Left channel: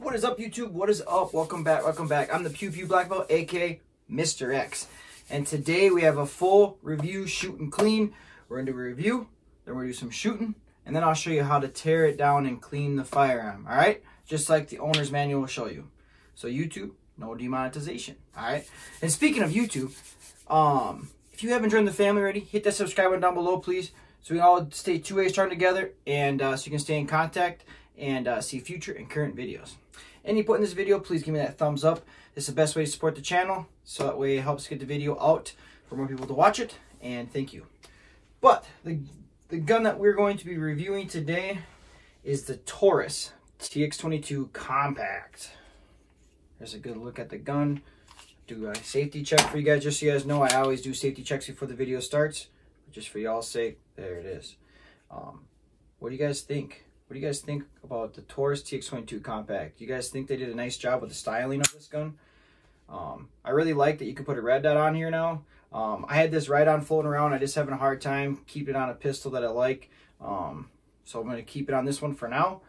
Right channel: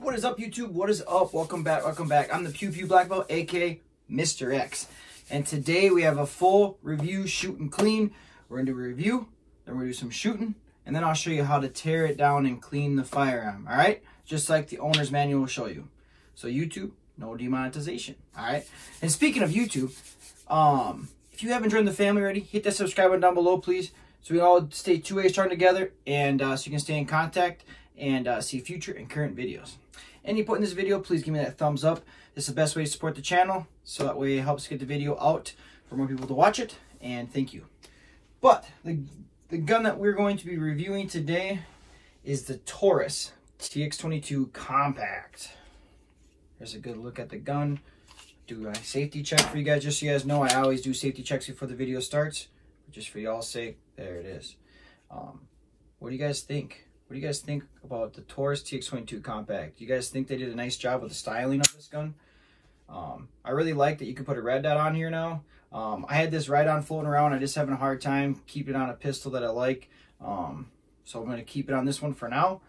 What is up, YouTube? What is up? Welcome back. Welcome back. I'm the Pew Black Belt, aka Mr. X. And today we have a full review, shoot and clean. We're going to do a review, then we're going to do some shooting, and then I'll show you how to tear it down and clean the firearm. All right? Just like the owner's manual will show you. So YouTube, no demonetization. All right? And speaking of YouTube, if you haven't joined the family already, hit that subscribe button down below, please. So we all stay two ways starting together, and so you can stay in contact and see future and current videos. Any input in this video, please give me that thumbs up. It's the best way to support the channel, so that way it helps get the video out for more people to watch it, and thank you. But the gun that we're going to be reviewing today is the Taurus TX22 Compact. Here's a good look at the gun. Do a safety check for you guys. Just so you guys know, I always do safety checks before the video starts. Just for y'all's sake, there it is. What do you guys think? What do you guys think about the Taurus TX22 Compact? Do you guys think they did a nice job with the styling of this gun? I really like that you can put a red dot on here now. I had this ride-on floating around. I just having a hard time keeping it on a pistol that I like. So I'm going to keep it on this one for now.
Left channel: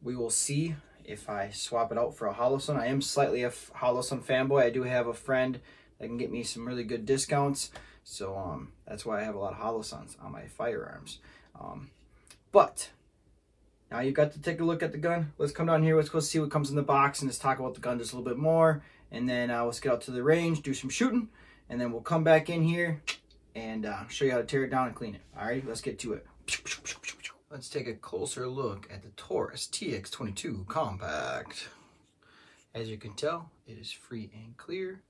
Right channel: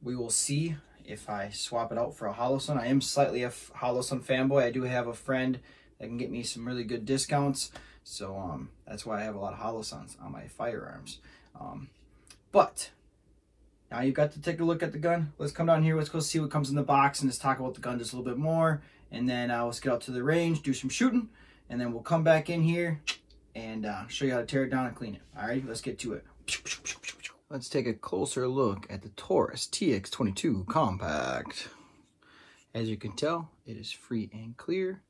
We will see if I swap it out for a Holosun. I am slightly a Holosun fanboy. I do have a friend that can get me some really good discounts. So that's why I have a lot of Holosuns on my firearms. But now you've got to take a look at the gun. Let's come down here. Let's go see what comes in the box and let's talk about the gun just a little bit more. And then let's get out to the range, do some shooting, and then we'll come back in here and show you how to tear it down and clean it. All right, let's get to it. Let's take a closer look at the Taurus TX22 Compact. As you can tell, it is free and clear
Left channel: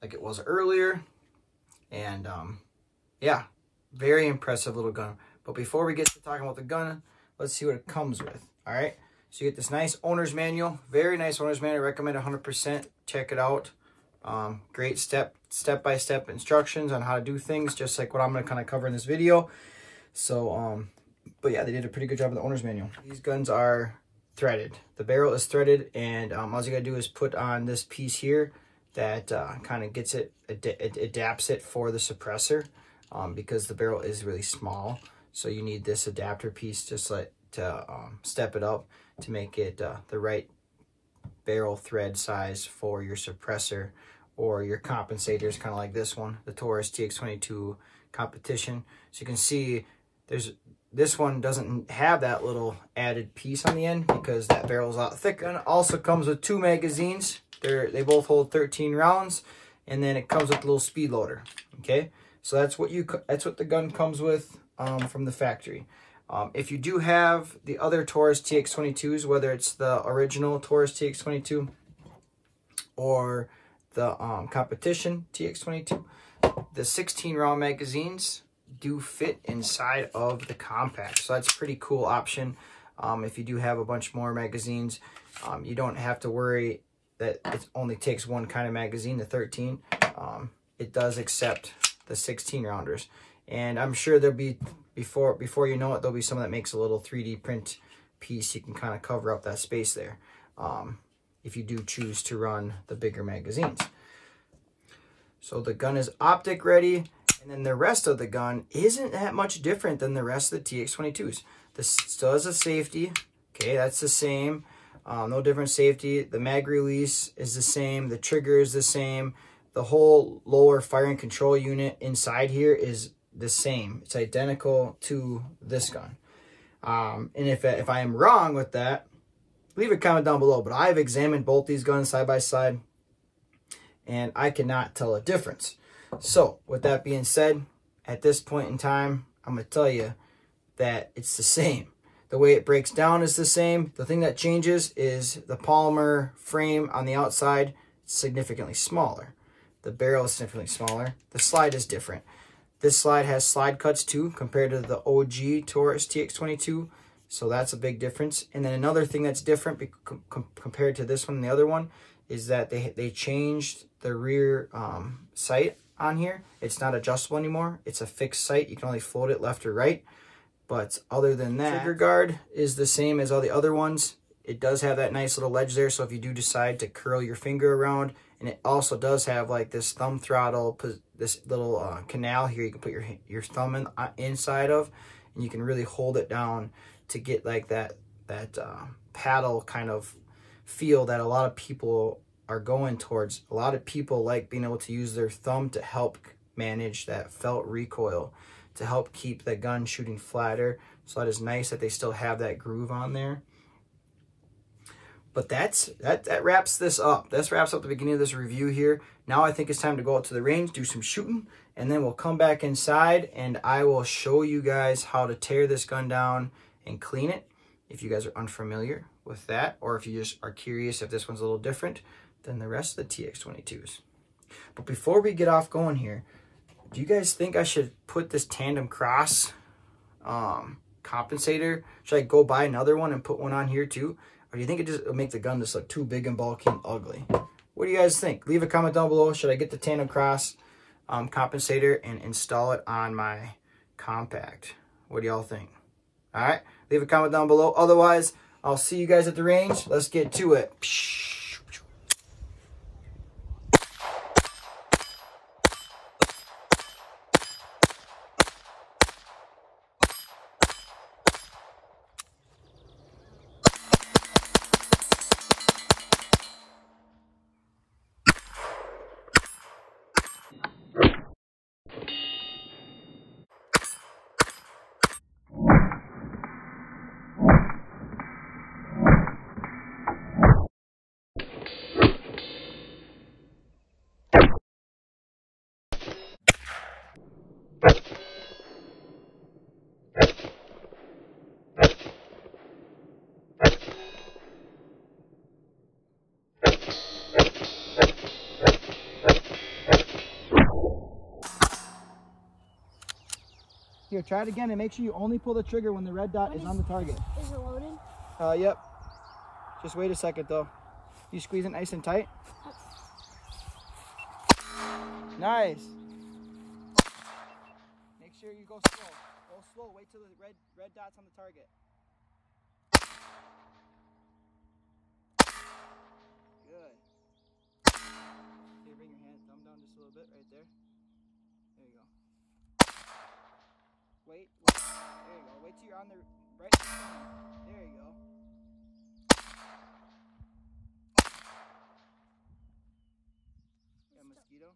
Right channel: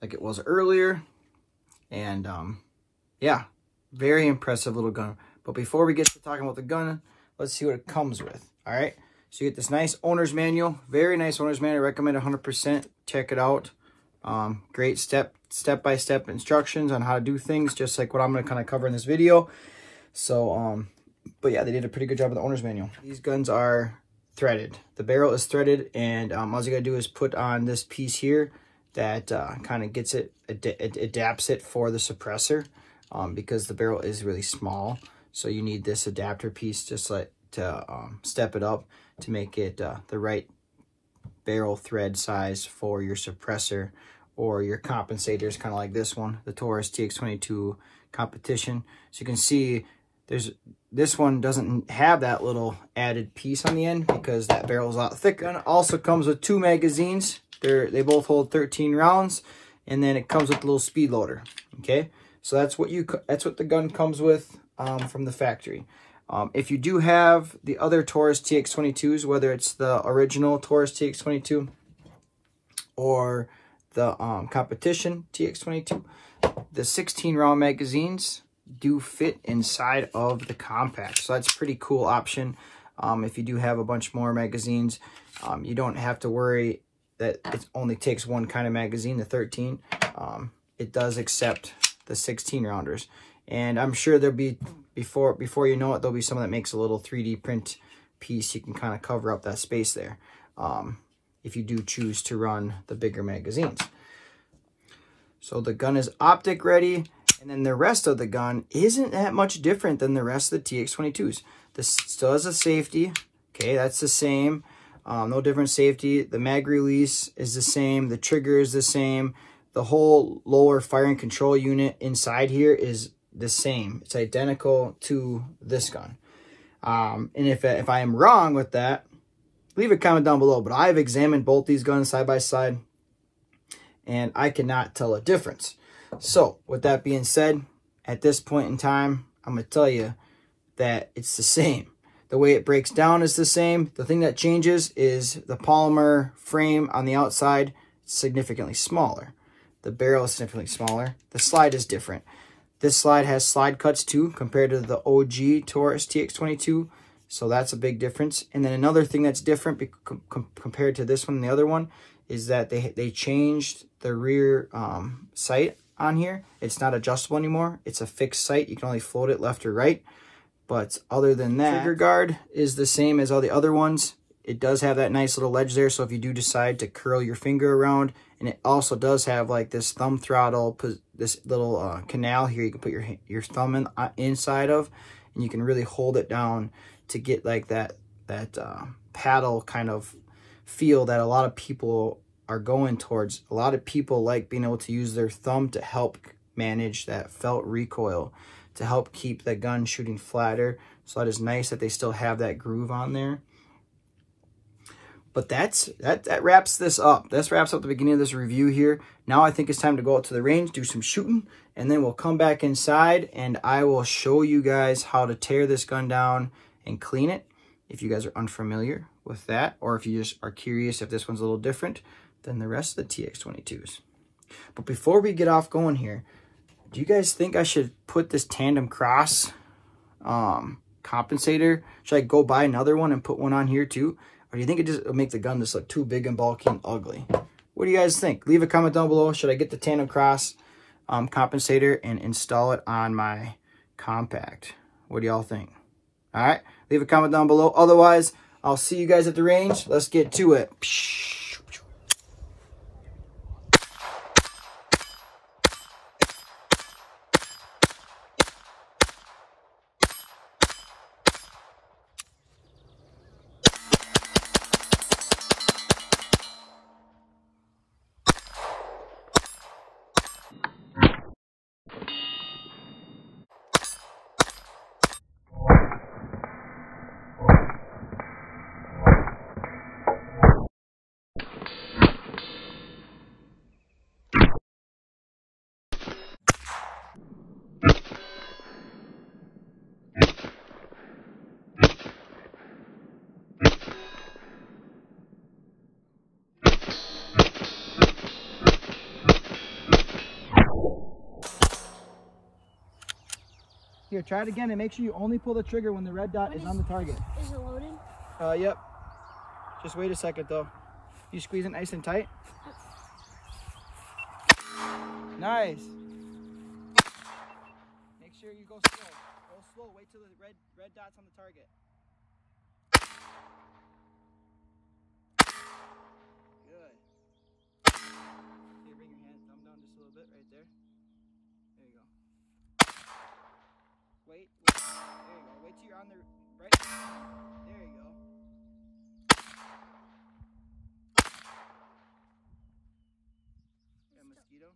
like it was earlier. And yeah, very impressive little gun. But before we get to talking about the gun, let's see what it comes with. All right, so you get this nice owner's manual, very nice owner's manual. I recommend 100%. Check it out. Great step-by-step instructions on how to do things, just like what I'm going to kind of cover in this video. So but yeah, they did a pretty good job with the owner's manual. These guns are threaded. The barrel is threaded, and all you gotta do is put on this piece here that kind of gets it, adapts it for the suppressor, because the barrel is really small. So you need this adapter piece just like to step it up to make it the right barrel thread size for your suppressor or your compensators, kind of like this one, the Taurus TX22 Competition. So you can see this one doesn't have that little added piece on the end because that barrel is a lot thicker. And it also comes with 2 magazines. They both hold 13 rounds, and then it comes with a little speed loader. Okay, so that's what the gun comes with from the factory. If you do have the other Taurus TX22s, whether it's the original Taurus TX22 or the competition TX22, the 16 round magazines do fit inside of the compact. So that's a pretty cool option. If you do have a bunch more magazines, you don't have to worry that it only takes one kind of magazine, the 13. It does accept the 16 rounders. And I'm sure there'll be, before you know it, there'll be some that makes a little 3D print piece. You can kind of cover up that space there if you do choose to run the bigger magazines. So the gun is optic ready. And then the rest of the gun isn't that much different than the rest of the TX22s. This still has a safety. Okay, that's the same. No different safety. The mag release is the same. The trigger is the same. The whole lower firing control unit inside here is the same. It's identical to this gun. And if I am wrong with that, leave a comment down below. But I've examined both these guns side by side, and I cannot tell a difference. So, with that being said, at this point in time, I'm going to tell you that it's the same. The way it breaks down is the same. The thing that changes is the polymer frame on the outside is significantly smaller. The barrel is significantly smaller. The slide is different. This slide has slide cuts too, compared to the OG Taurus TX22. So that's a big difference. And then another thing that's different compared to this one and the other one is that they changed the rear sight on here. It's not adjustable anymore. It's a fixed sight. You can only float it left or right. But other than that, trigger guard is the same as all the other ones. It does have that nice little ledge there, so if you do decide to curl your finger around, and it also does have like this thumb throttle, this little canal here you can put your thumb inside of, and you can really hold it down to get like that paddle kind of feel that a lot of people are going towards. A lot of people like being able to use their thumb to help manage that felt recoil, to help keep the gun shooting flatter. So that is nice that they still have that groove on there. But that wraps this up. This wraps up the beginning of this review here. Now I think it's time to go out to the range, do some shooting, and then we'll come back inside and I will show you guys how to tear this gun down and clean it. If you guys are unfamiliar with that, or if you just are curious if this one's a little different than the rest of the TX22s. But before we get off going here, do you guys think I should put this tandem cross compensator? Should I go buy another one and put one on here too? Or do you think it just would make the gun just look too big and bulky and ugly? What do you guys think? Leave a comment down below. Should I get the tandem cross compensator and install it on my compact? What do y'all think? All right, leave a comment down below. Otherwise, I'll see you guys at the range. Let's get to it. Here, try it again and make sure you only pull the trigger when the red dot is on the target. Is it loaded? Yep. Just wait a second though. You squeeze it nice and tight. Nice. Make sure you go slow. Go slow. Wait till the red dot's on the target. Good. Okay, bring your hands, thumb down just a little bit right there. There you go. Wait, there you go. Wait till you're on the right. There you go. Yeah, mosquito.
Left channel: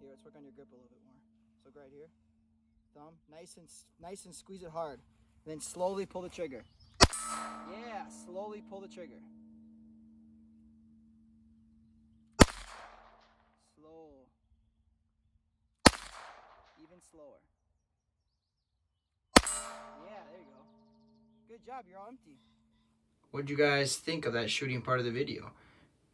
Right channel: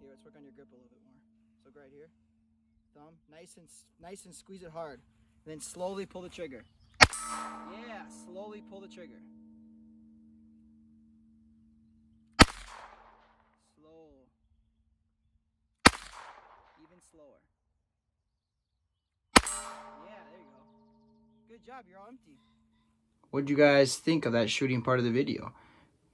Here, let's work on your grip a little bit more. So right here, thumb, nice and squeeze it hard. And then slowly pull the trigger. Yeah, slowly pull the trigger. Slow. Even slower. Yeah, there you go. Good job, you're all empty. What did you guys think of that shooting part of the video?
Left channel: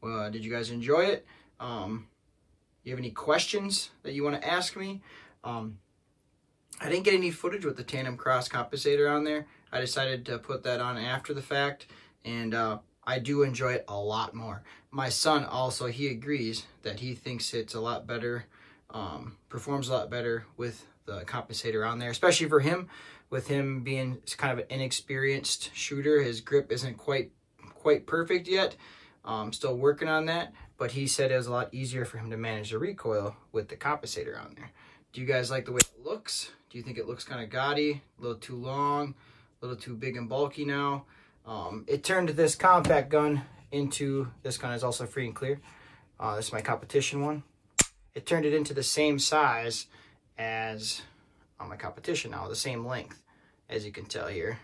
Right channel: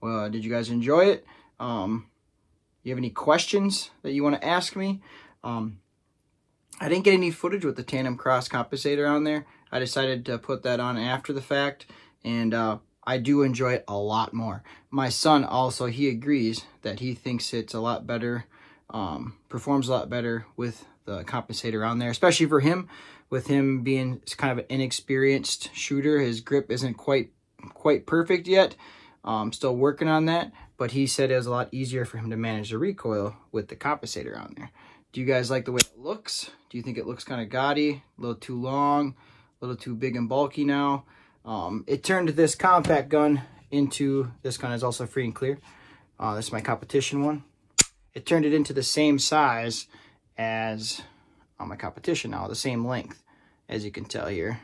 Well, did you guys enjoy it? You have any questions that you want to ask me? I didn't get any footage with the tandem cross compensator on there. I decided to put that on after the fact, and I do enjoy it a lot more. My son also, he agrees that he thinks it's a lot better, performs a lot better with the compensator on there, especially for him. With him being kind of an inexperienced shooter, his grip isn't quite perfect yet. Still working on that, but he said it was a lot easier for him to manage the recoil with the compensator on there. Do you guys like the way it looks? Do you think it looks kind of gaudy, a little too long, a little too big and bulky now? It turned this compact gun into, this gun is also free and clear. This is my competition one. It turned it into the same size as my competition now, the same length, as you can tell here.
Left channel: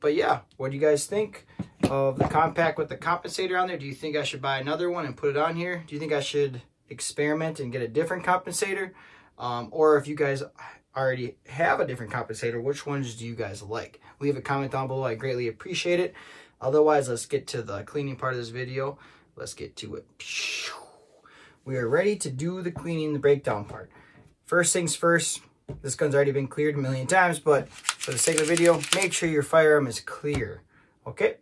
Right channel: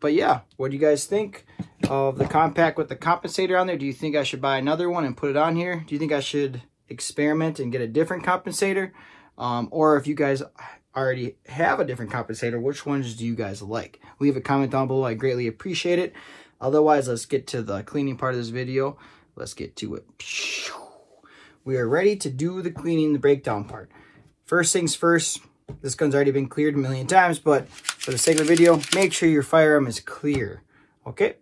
But yeah, what do you guys think of the compact with the compensator on there? Do you think I should buy another one and put it on here? Do you think I should experiment and get a different compensator? Or if you guys already have a different compensator, which ones do you guys like? Leave a comment down below. I greatly appreciate it. Otherwise, let's get to the cleaning part of this video. Let's get to it. We are ready to do the cleaning, the breakdown part. First things first, this gun's already been cleared a million times, but for the sake of the video, make sure your firearm is clear, okay?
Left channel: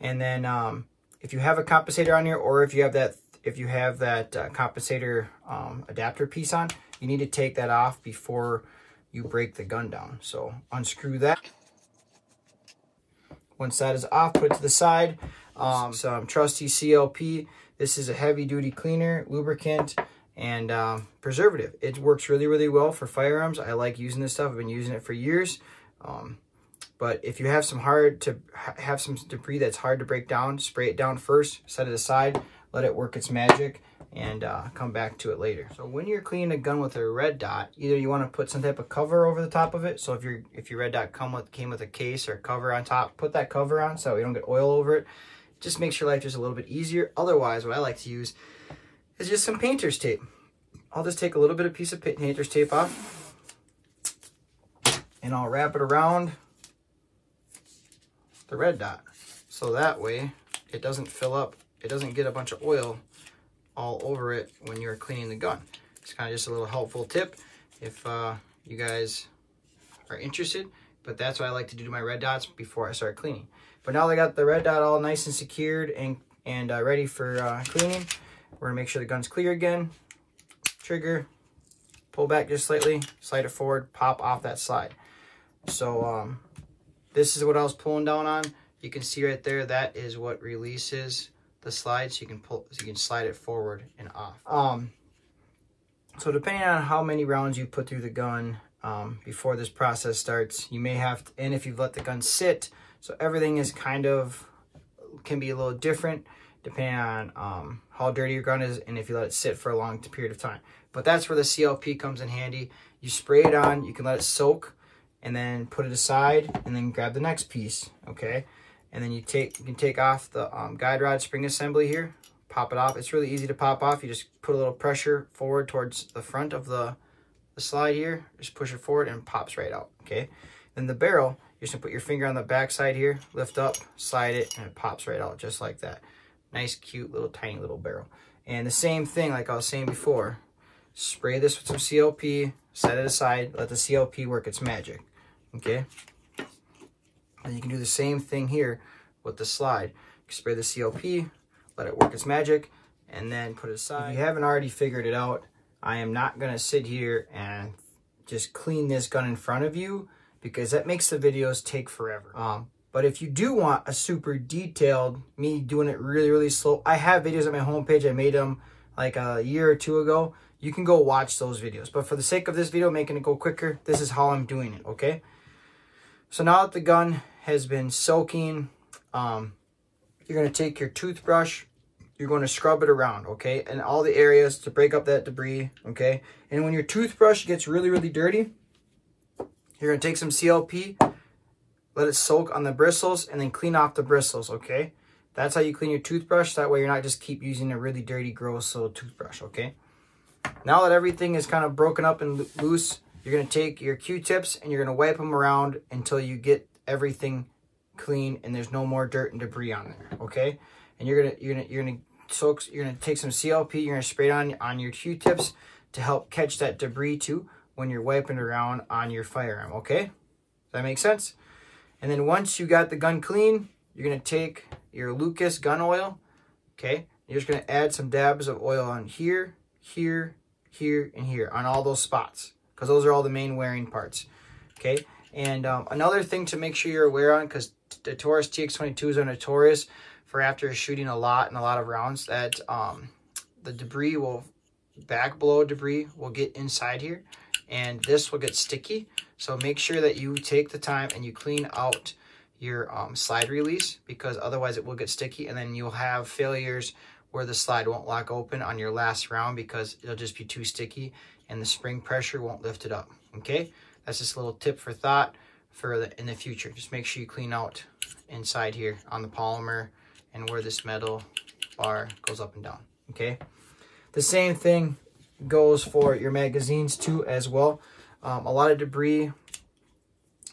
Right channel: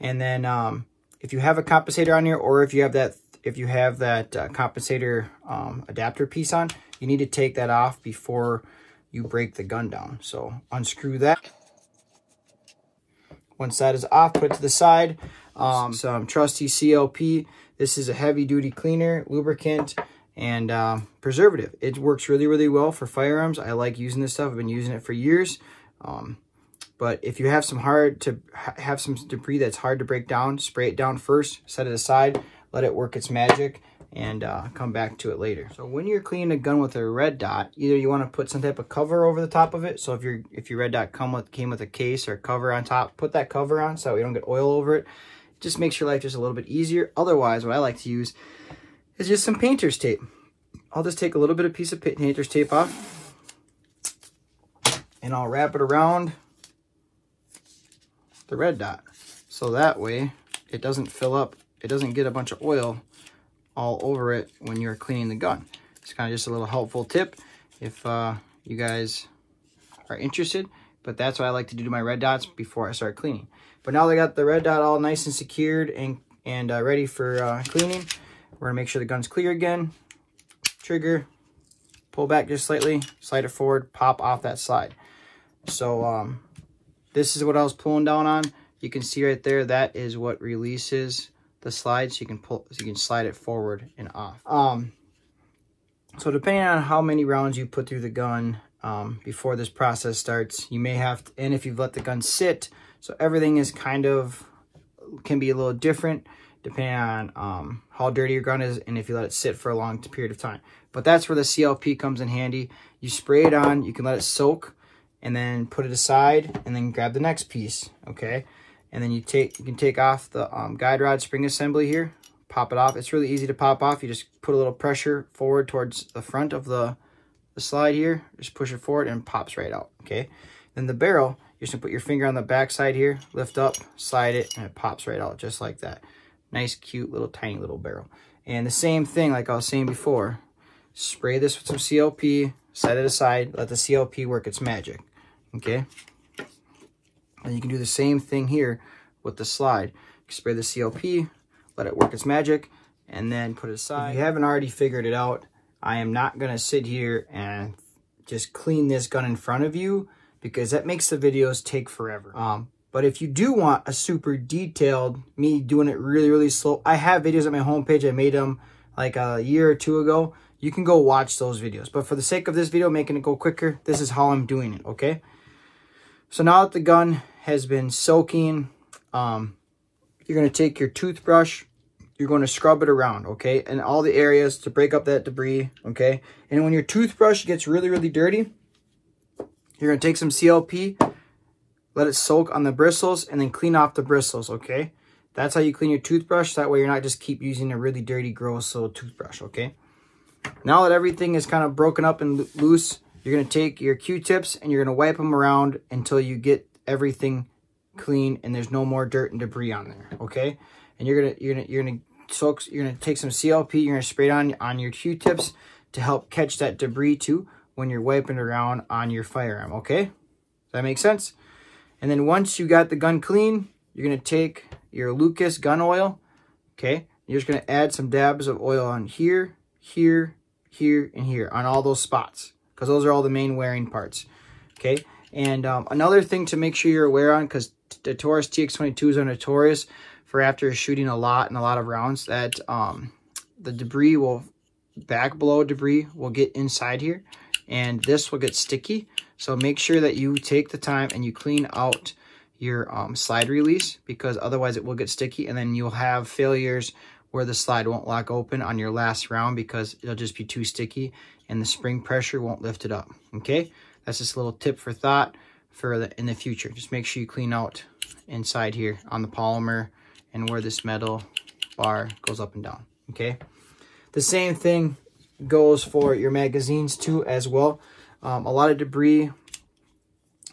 And then if you have a compensator on here, or if you have that compensator adapter piece on, you need to take that off before you break the gun down. So unscrew that. Once that is off, put it to the side. Some trusty CLP. This is a heavy duty cleaner, lubricant, and preservative. It works really, really well for firearms. I like using this stuff. I've been using it for years. But if you have some debris that's hard to break down, spray it down first, set it aside, let it work its magic, and come back to it later. So when you're cleaning a gun with a red dot, either you want to put some type of cover over the top of it. So if your red dot came with a case or cover on top, put that cover on so you don't get oil over it. Just makes your life just a little bit easier. Otherwise, what I like to use is just some painter's tape. I'll just take a little bit of piece of painter's tape off, and I'll wrap it around the red dot. So that way it doesn't fill up, it doesn't get a bunch of oil all over it when you're cleaning the gun. It's kind of just a little helpful tip if you guys are interested, but that's what I like to do to my red dots before I start cleaning. But now that I got the red dot all nice and secured and ready for cleaning, we're gonna make sure the gun's clear again. Trigger, pull back just slightly, slide it forward, pop off that slide. So this is what I was pulling down on. You can see right there, that is what releases the slide, so you can slide it forward and off. So depending on how many rounds you put through the gun before this process starts, you may have to, and if you let the gun sit, so everything is can be a little different depending on how dirty your gun is and if you let it sit for a long period of time. But that's where the CLP comes in handy. You spray it on, you can let it soak, and then put it aside, and then grab the next piece, okay? And then you can take off the guide rod spring assembly here, pop it off. It's really easy to pop off. You just put a little pressure forward towards the front of the slide here, just push it forward and it pops right out, okay? Then the barrel, you just put your finger on the back side here, lift up, slide it, and it pops right out just like that. Nice, cute, little, tiny little barrel. And the same thing, like I was saying before, spray this with some CLP, set it aside, let the CLP work its magic, okay? And you can do the same thing here with the slide. You spray the CLP, let it work its magic, and then put it aside. If you haven't already figured it out, I am not gonna sit here and just clean this gun in front of you because that makes the videos take forever. But if you do want a super detailed, me doing it really, really slow, I have videos on my homepage. I made them like a year or two ago. You can go watch those videos. But for the sake of this video, making it go quicker, this is how I'm doing it, okay? So now that the gun has been soaking, you're going to take your toothbrush, you're going to scrub it around, okay? And all the areas to break up that debris, okay? And when your toothbrush gets really, really dirty, you're going to take some CLP, let it soak on the bristles, and then clean off the bristles, okay? That's how you clean your toothbrush. That way you're not just keep using a really dirty, gross little toothbrush, okay? Now that everything is kind of broken up and loose, you're going to take your Q-tips and you're going to wipe them around until you get everything clean and there's no more dirt and debris on there, okay? And you're going to take some CLP, you're going to spray it on your Q-tips to help catch that debris too when you're wiping around on your firearm, okay? Does that make sense? And then once you got the gun clean, you're going to take your Lucas gun oil, okay? You're just going to add some dabs of oil on here, here, here, and here on all those spots because those are all the main wearing parts, okay? And another thing to make sure you're aware on, because the Taurus TX22s are notorious for after shooting a lot and a lot of rounds that the debris back blow debris will get inside here and this will get sticky. So make sure that you take the time and you clean out your slide release because otherwise it will get sticky and then you'll have failures where the slide won't lock open on your last round because it'll just be too sticky and the spring pressure won't lift it up, okay? That's just a little tip for thought in the future. Just make sure you clean out inside here on the polymer and where this metal bar goes up and down, okay? The same thing goes for your magazines too as well. A lot of debris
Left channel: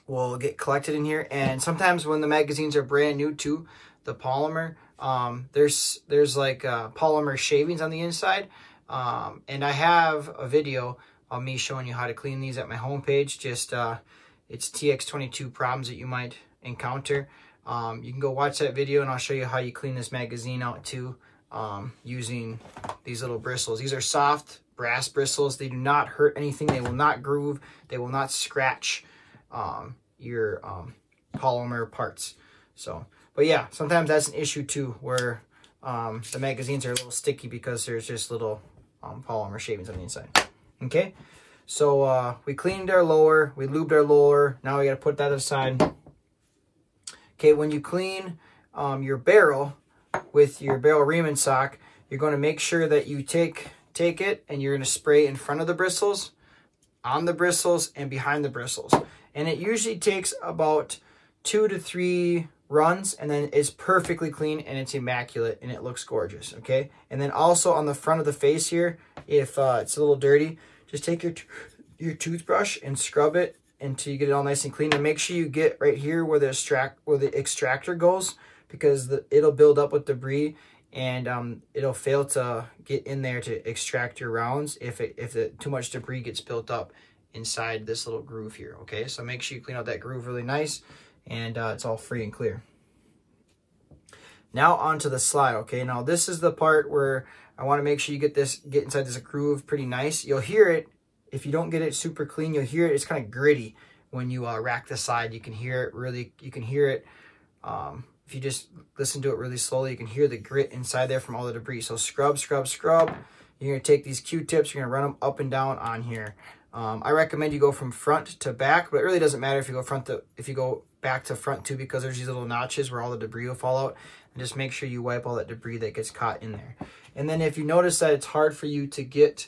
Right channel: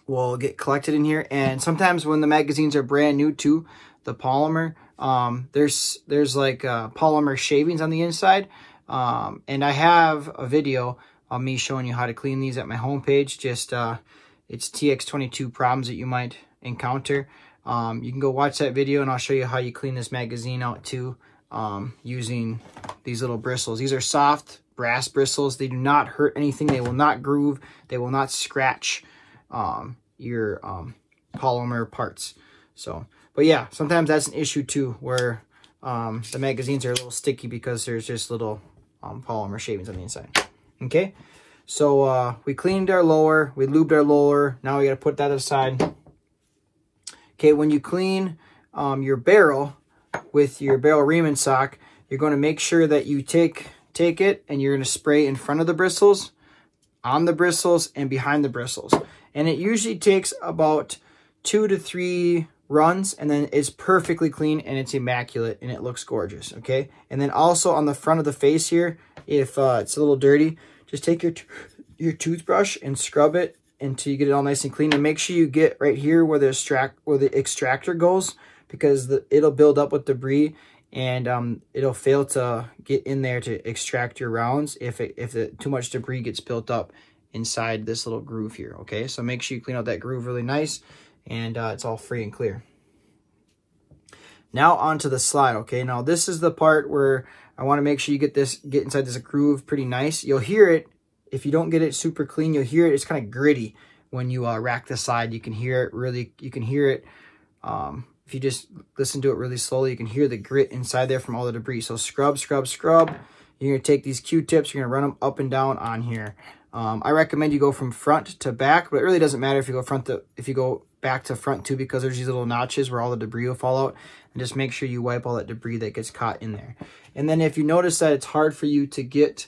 will get collected in here, and sometimes when the magazines are brand new too, the polymer, there's like polymer shavings on the inside, and I have a video of me showing you how to clean these at my homepage. Just it's TX22 problems that you might encounter. You can go watch that video and I'll show you how you clean this magazine out too, using these little bristles. These are soft brass bristles. They do not hurt anything. They will not groove. They will not scratch your polymer parts. So, but yeah, sometimes that's an issue too, where the magazines are a little sticky because there's just little polymer shavings on the inside. Okay, So we cleaned our lower, we lubed our lower. Now we got to put that aside. Okay, when you clean your barrel with your barrel ream and sock, you're going to make sure that you take it and you're going to spray in front of the bristles, on the bristles, and behind the bristles. And it usually takes about 2 to 3 runs, and then it's perfectly clean and it's immaculate and it looks gorgeous. Okay, and then also on the front of the face here, if it's a little dirty, just take your toothbrush and scrub it until you get it all nice and clean. And make sure you get right here where the extractor goes, because it'll build up with debris and it'll fail to get in there to extract your rounds if too much debris gets built up inside this little groove here. Okay, so make sure you clean out that groove really nice, and it's all free and clear. Now onto the slide. Okay, now this is the part where I want to make sure you get inside this groove pretty nice. You'll hear it if you don't get it super clean. You'll hear it. It's kind of gritty when you rack the slide. You can hear it really. You can hear it. If you just listen to it really slowly, you can hear the grit inside there from all the debris. So scrub, scrub, scrub. You're gonna take these Q-tips. You're gonna run them up and down on here. I recommend you go from front to back, but it really doesn't matter if you go back to front too, because there's these little notches where all the debris will fall out. And just make sure you wipe all that debris that gets caught in there. And then if you notice that it's hard for you to get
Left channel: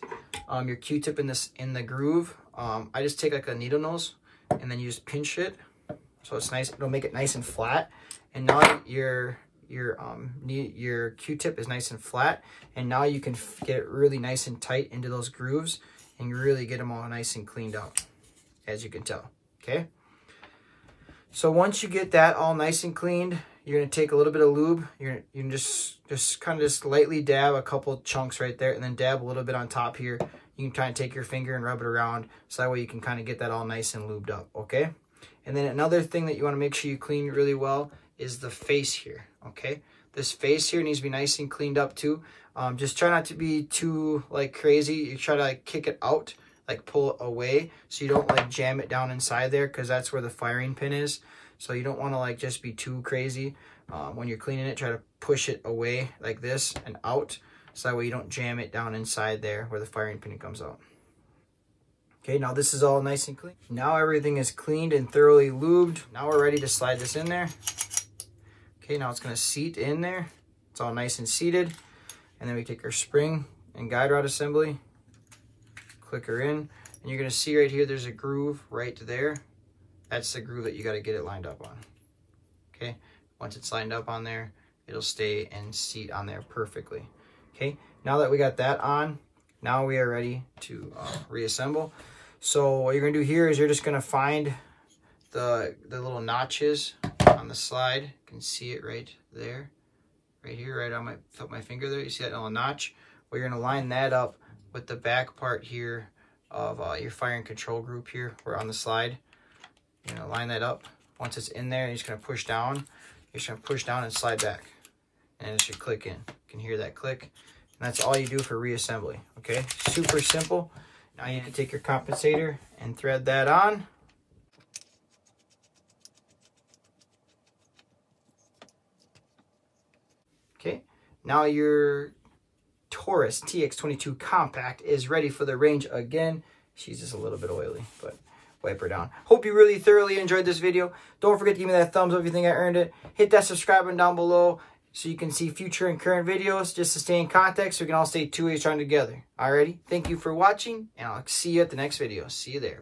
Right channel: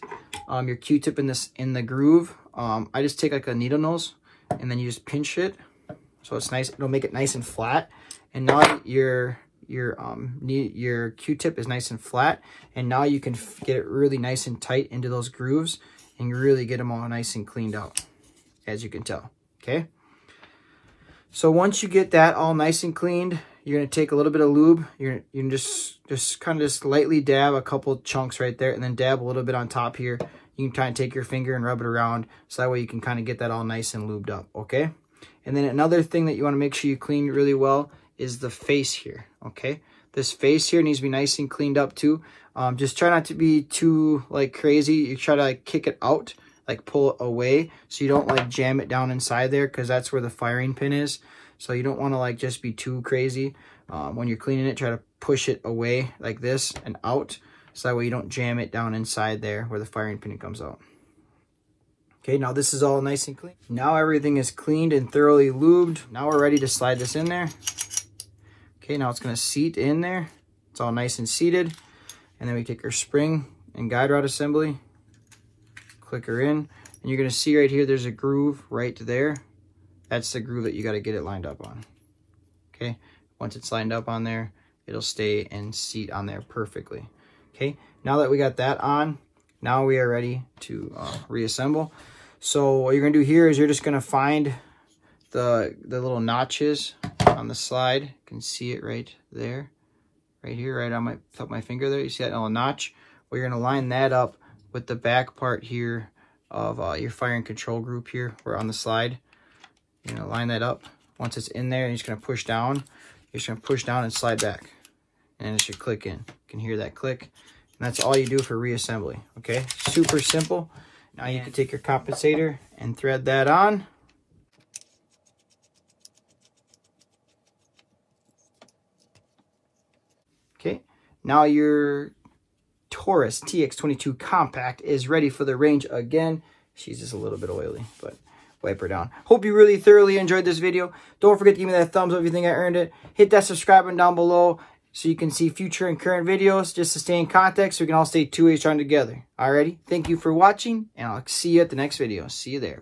your Q-tip in the groove, I just take like a needle nose and then you just pinch it so it's nice. It'll make it nice and flat. And now your Q-tip is nice and flat, and now you can get it really nice and tight into those grooves and you really get them all nice and cleaned out, as you can tell. Okay, so once you get that all nice and cleaned, you're going to take a little bit of lube. You can just kind of lightly dab a couple chunks right there, and then dab a little bit on top here. You can kind of take your finger and rub it around, so that way you can kind of get that all nice and lubed up. Okay, and then another thing that you want to make sure you clean really well is the face here. Okay, this face here needs to be nice and cleaned up too. Just try not to be too like crazy. You try to kick it out, like pull it away, so you don't like jam it down inside there, because that's where the firing pin is. So you don't want to like just be too crazy. When you're cleaning it, try to push it away like this and out, so that way you don't jam it down inside there where the firing pin comes out. Okay, now this is all nice and clean. Now everything is cleaned and thoroughly lubed. Now we're ready to slide this in there. Okay, now it's going to seat in there. It's all nice and seated. And then we take our spring and guide rod assembly, click her in, and you're going to see right here there's a groove right there. That's the groove that you got to get it lined up on. Okay, once it's lined up on there, it'll stay and seat on there perfectly. Okay, now that we got that on, now we are ready to reassemble. So what you're going to do here is you're just going to find the little notches on the slide. You can see it right there, right here, right on my top of my finger there. You see that little notch? Well, you're going to line that up with the back part here of your firing control group here, or on the slide. You're going to line that up. Once it's in there, and you're just going to push down. You're just going to push down and slide back, and it should click in. You can hear that click, and that's all you do for reassembly. Okay, super simple. Now you can take your compensator and thread that on. Okay, now your Taurus TX22 compact is ready for the range again. She's just a little bit oily, but wipe her down. Hope you really thoroughly enjoyed this video. Don't forget to give me that thumbs up if you think I earned it. Hit that subscribe button down below so you can see future and current videos, just to stay in contact so we can all stay two ways trying together. Alrighty, thank you for watching, and I'll see you at the next video. See you there.